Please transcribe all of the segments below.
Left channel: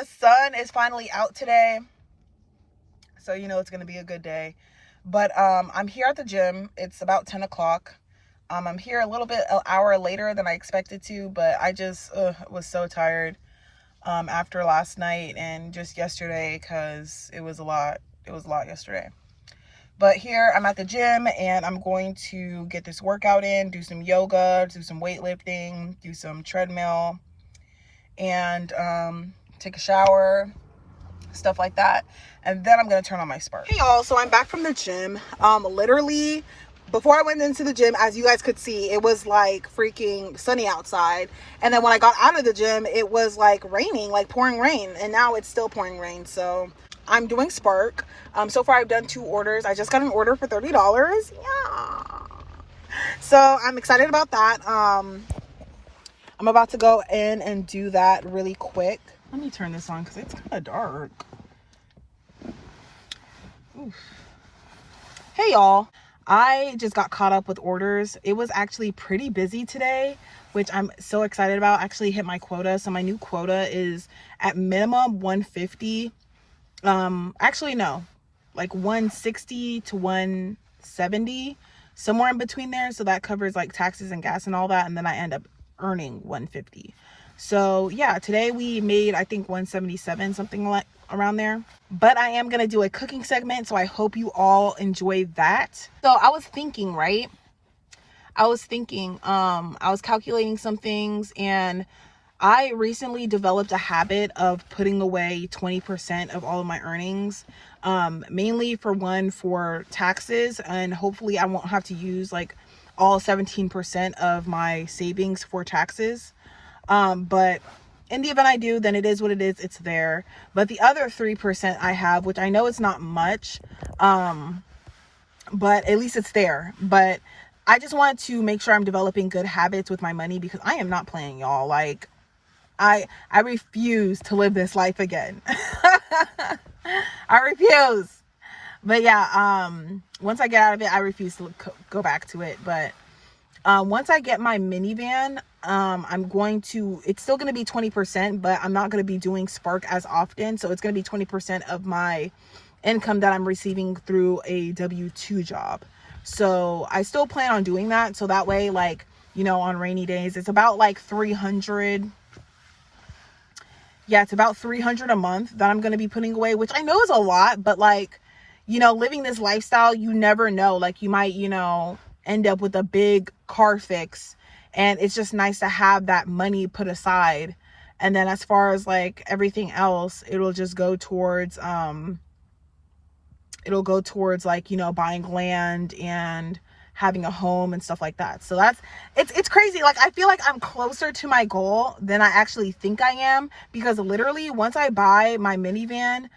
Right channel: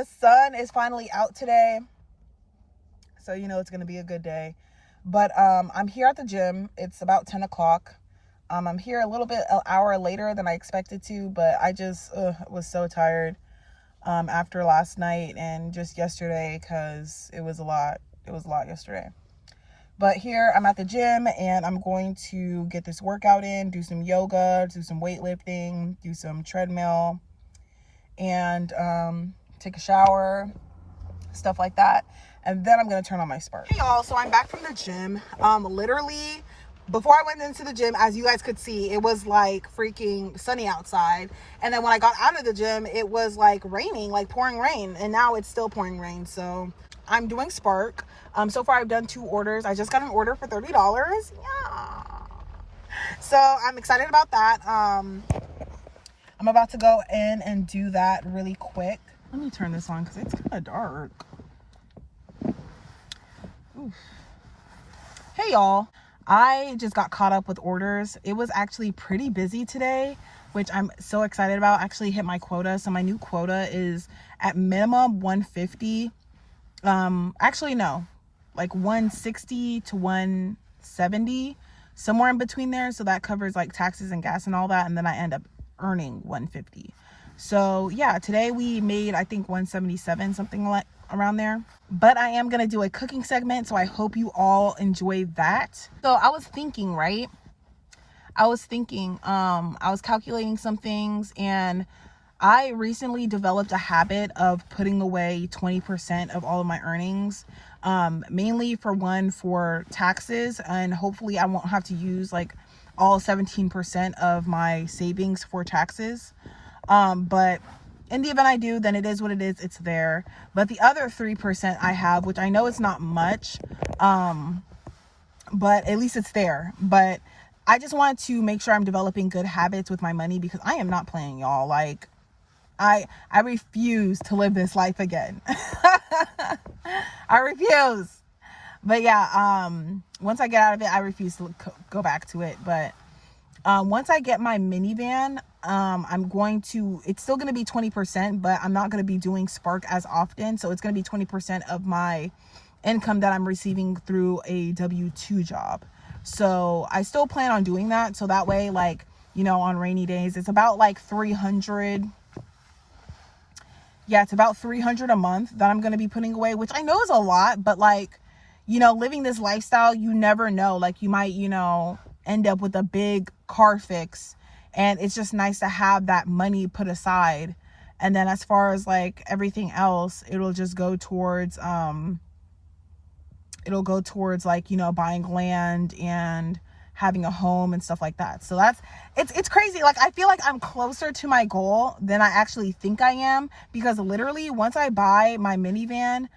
the sun is finally out today, so you know it's gonna be a good day. But I'm here at the gym. It's about 10 o'clock. I'm here a little bit an hour later than I expected to, but I just was so tired after last night and just yesterday, because it was a lot. It was a lot yesterday. But here I'm at the gym and I'm going to get this workout in, do some yoga, do some weightlifting, do some treadmill, and take a shower, stuff like that. And then I'm going to turn on my Spark. Hey y'all, so I'm back from the gym. Literally, before I went into the gym, as you guys could see, it was like freaking sunny outside. And then when I got out of the gym, it was like raining, like pouring rain. And now it's still pouring rain. So I'm doing Spark. So far I've done 2 orders. I just got an order for $30. Yeah. So I'm excited about that. I'm about to go in and do that really quick. Let me turn this on because it's kind of dark. Oof. Hey y'all, I just got caught up with orders. It was actually pretty busy today, which I'm so excited about. I actually hit my quota. So my new quota is at minimum 150. Actually no, like 160 to 170, somewhere in between there. So that covers like taxes and gas and all that. And then I end up earning 150. So yeah, today we made, I think 177, something like around there. But I am going to do a cooking segment. So I hope you all enjoy that. So I was thinking, right? I was calculating some things, and I recently developed a habit of putting away 20% of all of my earnings, mainly for taxes, and hopefully I won't have to use like all 17% of my savings for taxes. But in the event I do, then it is what it is. It's there. But the other 3% I have, which I know it's not much, but at least it's there. But I just want to make sure I'm developing good habits with my money, because I am not playing, y'all. Like, I refuse to live this life again. I refuse. But yeah, once I get out of it, I refuse to go back to it. But once I get my minivan, it's still going to be 20%, but I'm not going to be doing Spark as often. So it's going to be 20% of my income that I'm receiving through a W-2 job. So I still plan on doing that. So that way, like, you know, on rainy days, it's about like 300. Yeah, it's about 300 a month that I'm going to be putting away, which I know is a lot, but like, you know, living this lifestyle, you never know. Like, you might, you know, end up with a big car fix, and it's just nice to have that money put aside. And then as far as like everything else, it'll just go towards like, you know, buying land and having a home and stuff like that. So it's crazy. Like, I feel like I'm closer to my goal than I actually think I am, because literally once I buy my minivan,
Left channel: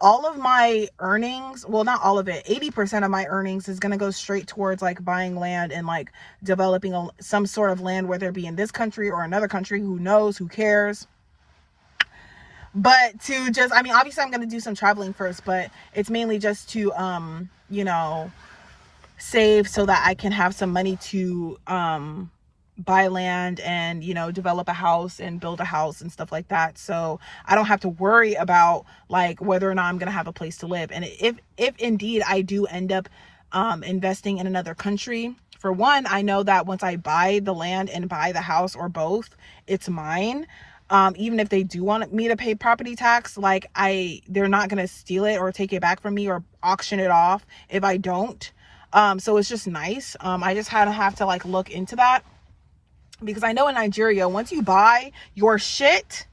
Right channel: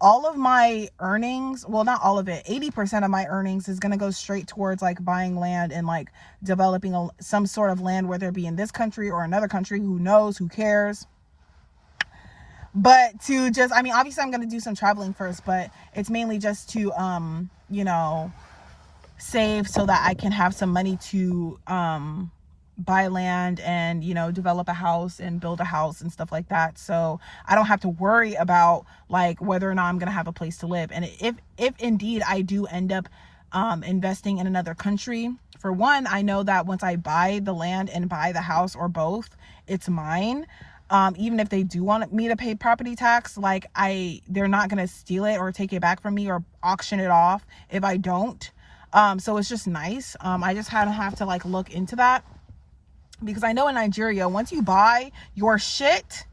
all of my earnings, well, not all of it, 80% of my earnings is going to go straight towards like buying land and like developing some sort of land, whether it be in this country or another country. Who knows? Who cares? But to just, I mean, obviously I'm going to do some traveling first, but it's mainly just to, you know, save so that I can have some money to buy land and, you know, develop a house and build a house and stuff like that. So I don't have to worry about like whether or not I'm going to have a place to live. And if indeed I do end up investing in another country, for one, I know that once I buy the land and buy the house, or both, it's mine. Even if they do want me to pay property tax, like they're not going to steal it or take it back from me or auction it off if I don't. So it's just nice. I just have to like look into that, because I know in Nigeria, once you buy your shit,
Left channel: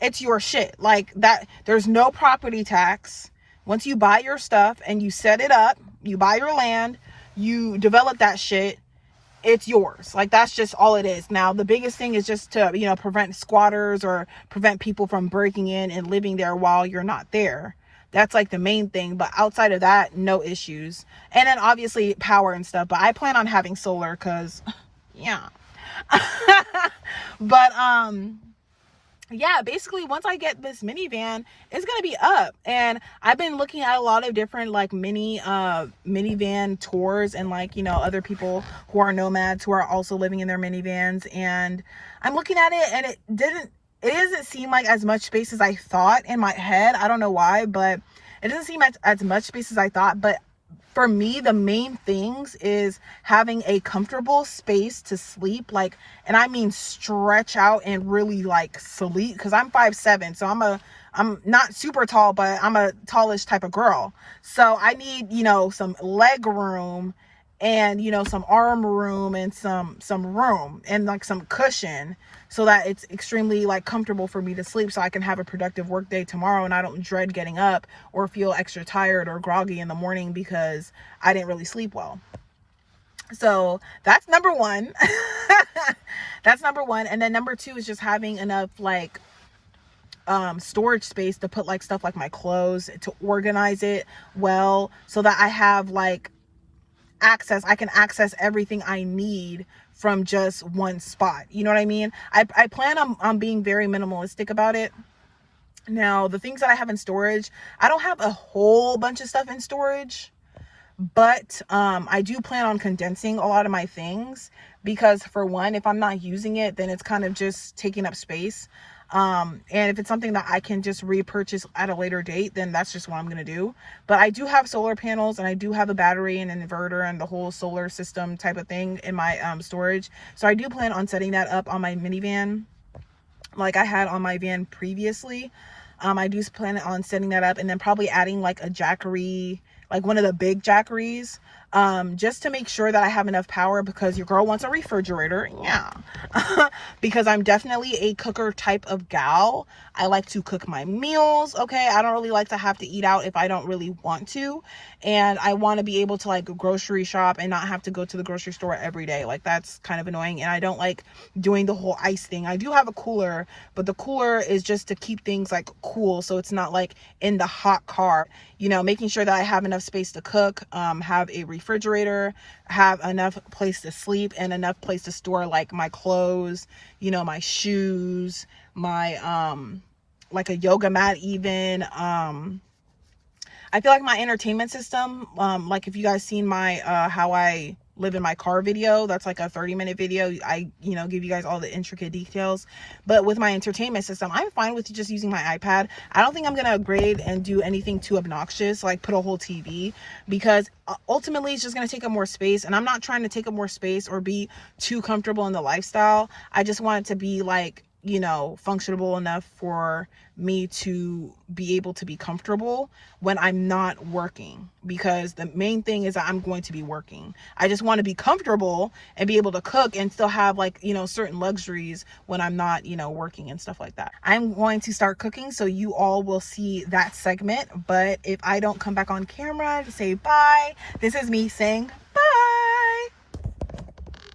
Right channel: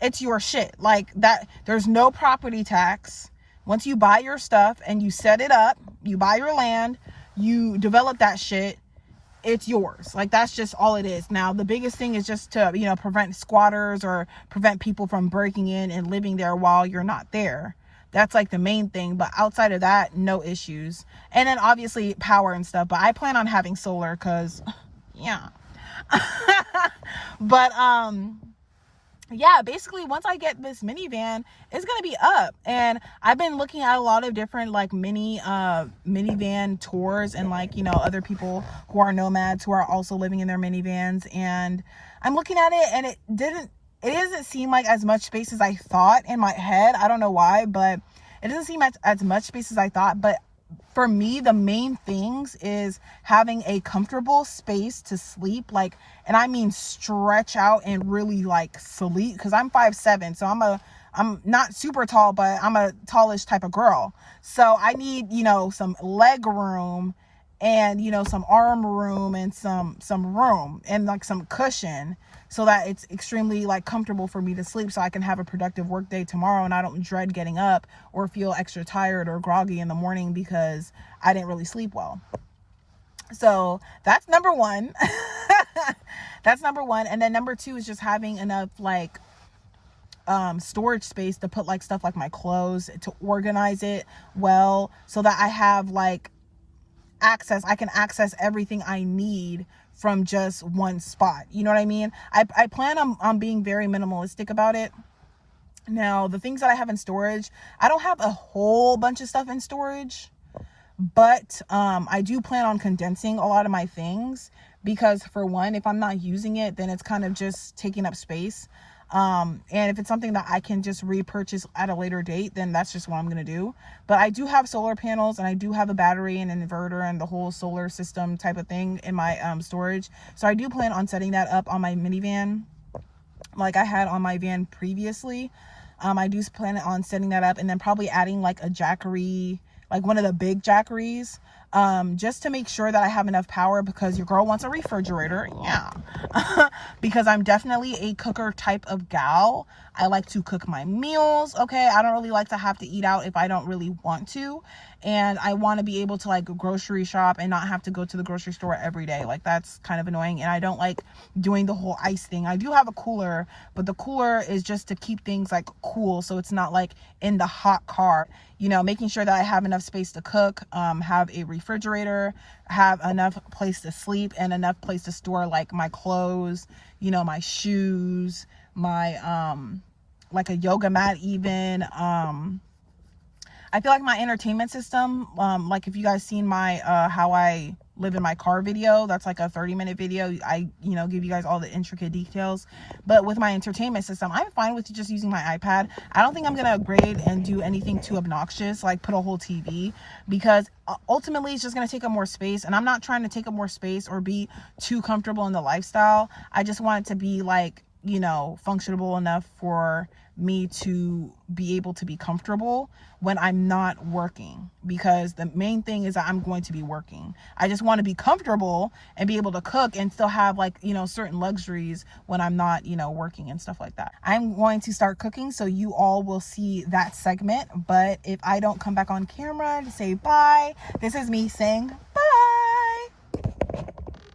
it's your shit. Like that, there's no property tax. Once you buy your stuff and you set it up, you buy your land, you develop that shit, it's yours. Like, that's just all it is. Now, the biggest thing is just to, you know, prevent squatters or prevent people from breaking in and living there while you're not there. That's like the main thing. But outside of that, no issues. And then obviously power and stuff. But I plan on having solar because, yeah. But, yeah, basically once I get this minivan, it's going to be up. And I've been looking at a lot of different like minivan tours, and like, you know, other people who are nomads who are also living in their minivans. And I'm looking at it, and it doesn't seem like as much space as I thought in my head. I don't know why, but it doesn't seem as much space as I thought. But for me, the main things is having a comfortable space to sleep, like, and I mean stretch out and really like sleep, because I'm 5'7", so I'm not super tall, but I'm a tallish type of girl. So I need, you know, some leg room and, you know, some arm room and some room and like some cushion, so that it's extremely like comfortable for me to sleep, so I can have a productive work day tomorrow and I don't dread getting up or feel extra tired or groggy in the morning because I didn't really sleep well. So that's number one. That's number one. And then number two is just having enough like storage space to put like stuff like my clothes, to organize it well, so that I have like I can access everything I need from just one spot. You know what I mean? I plan on being very minimalistic about it. Now, the things that I have in storage, I don't have a whole bunch of stuff in storage, but I do plan on condensing a lot of my things, because for one, if I'm not using it, then it's kind of just taking up space. And if it's something that I can just repurchase at a later date, then that's just what I'm going to do. But I do have solar panels, and I do have a battery and an inverter and the whole solar system type of thing in my storage. So I do plan on setting that up on my minivan, like I had on my van previously. I do plan on setting that up, and then probably adding like a jackery, like one of the big jackeries, just to make sure that I have enough power, because your girl wants a refrigerator. Yeah. Because I'm definitely a cooker type of gal. I like to cook my meals. Okay. I don't really like to have to eat out if I don't really want to. And I want to be able to like grocery shop and not have to go to the grocery store every day. Like, that's kind of annoying. And I don't like doing the whole ice thing. I do have a cooler, but the cooler is just to keep things like cool, so it's not like in the hot car. You know, making sure that I have enough space to cook, have a refrigerator, have enough place to sleep, and enough place to store like my clothes, you know, my shoes, my like a yoga mat even. I feel like my entertainment system, like if you guys seen my how I live in my car video, that's like a 30-minute video. I, you know, give you guys all the intricate details. But with my entertainment system, I'm fine with just using my iPad. I don't think I'm gonna upgrade and do anything too obnoxious, like put a whole TV, because ultimately it's just gonna take up more space, and I'm not trying to take up more space or be too comfortable in the lifestyle. I just want it to be like, you know, functional enough for me to be able to be comfortable when I'm not working, because the main thing is that I'm going to be working. I just want to be comfortable and be able to cook and still have like, you know, certain luxuries when I'm not, you know, working and stuff like that. I'm going to start cooking, so you all will see that segment. But if I don't come back on camera to say bye, this is me saying bye.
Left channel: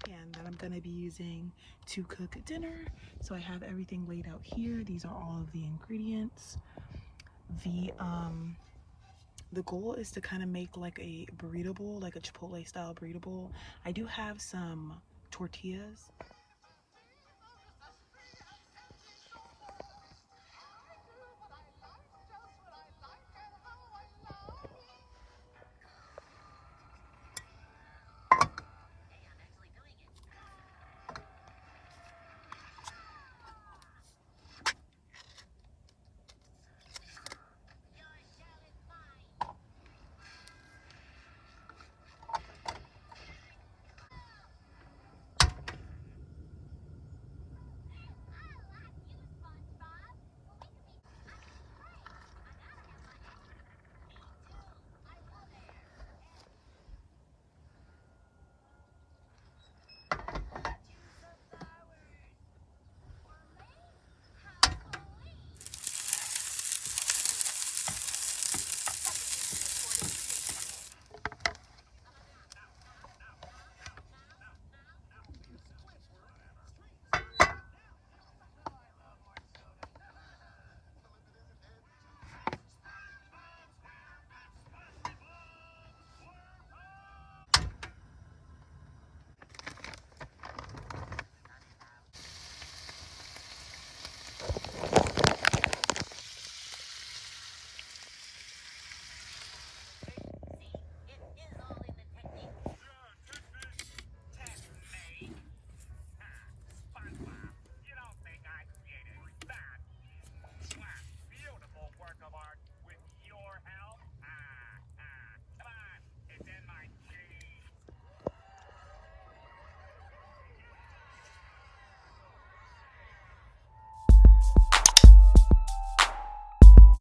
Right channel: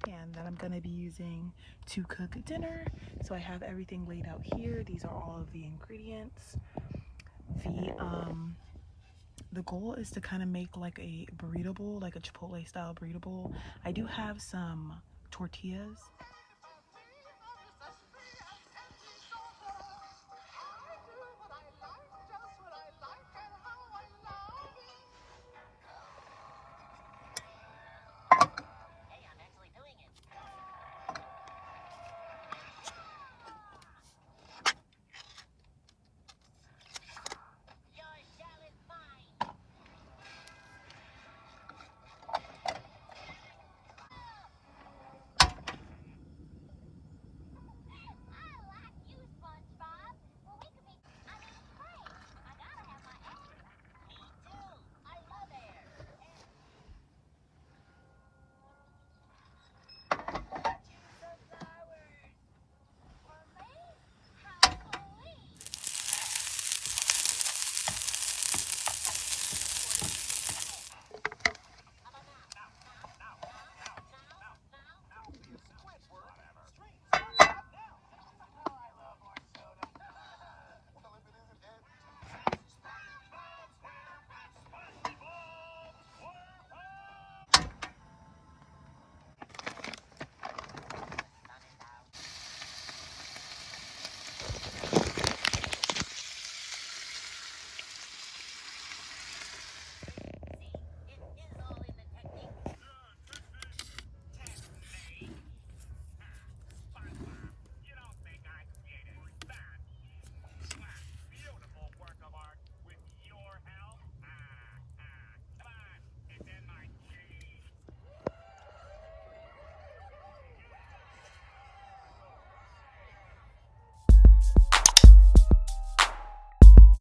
And then I'm going to be using to cook dinner. So I have everything laid out here. These are all of the ingredients. The goal is to kind of make like a burrito bowl, like a Chipotle style burrito bowl. I do have some tortillas